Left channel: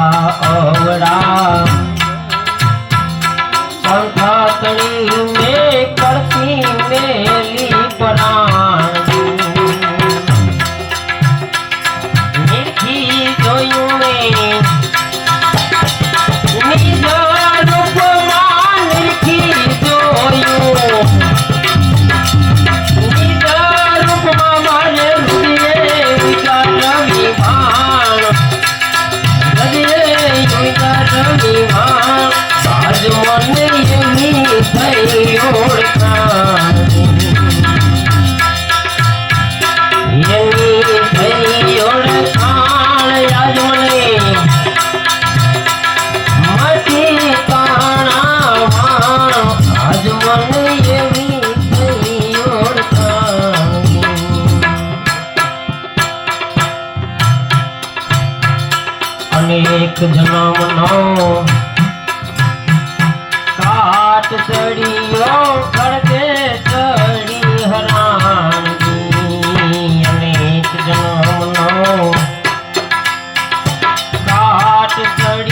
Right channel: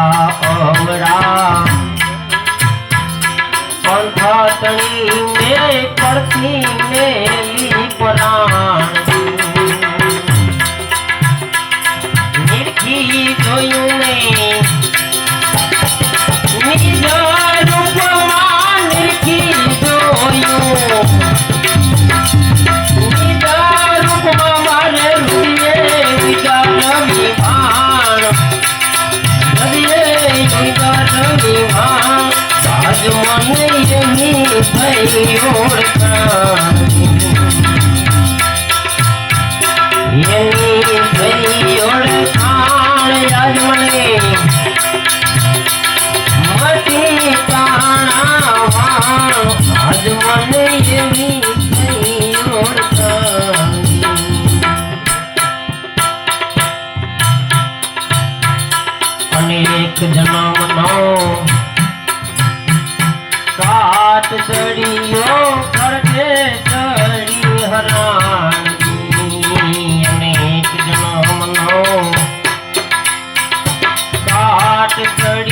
અવરા પંથાતણી મેં કળતી મેલી પરાણ. અનેક જન્મનો કાટ ચડિયો કરજે ચડી હરાણી અનેક જન્મનો કાટ ચડી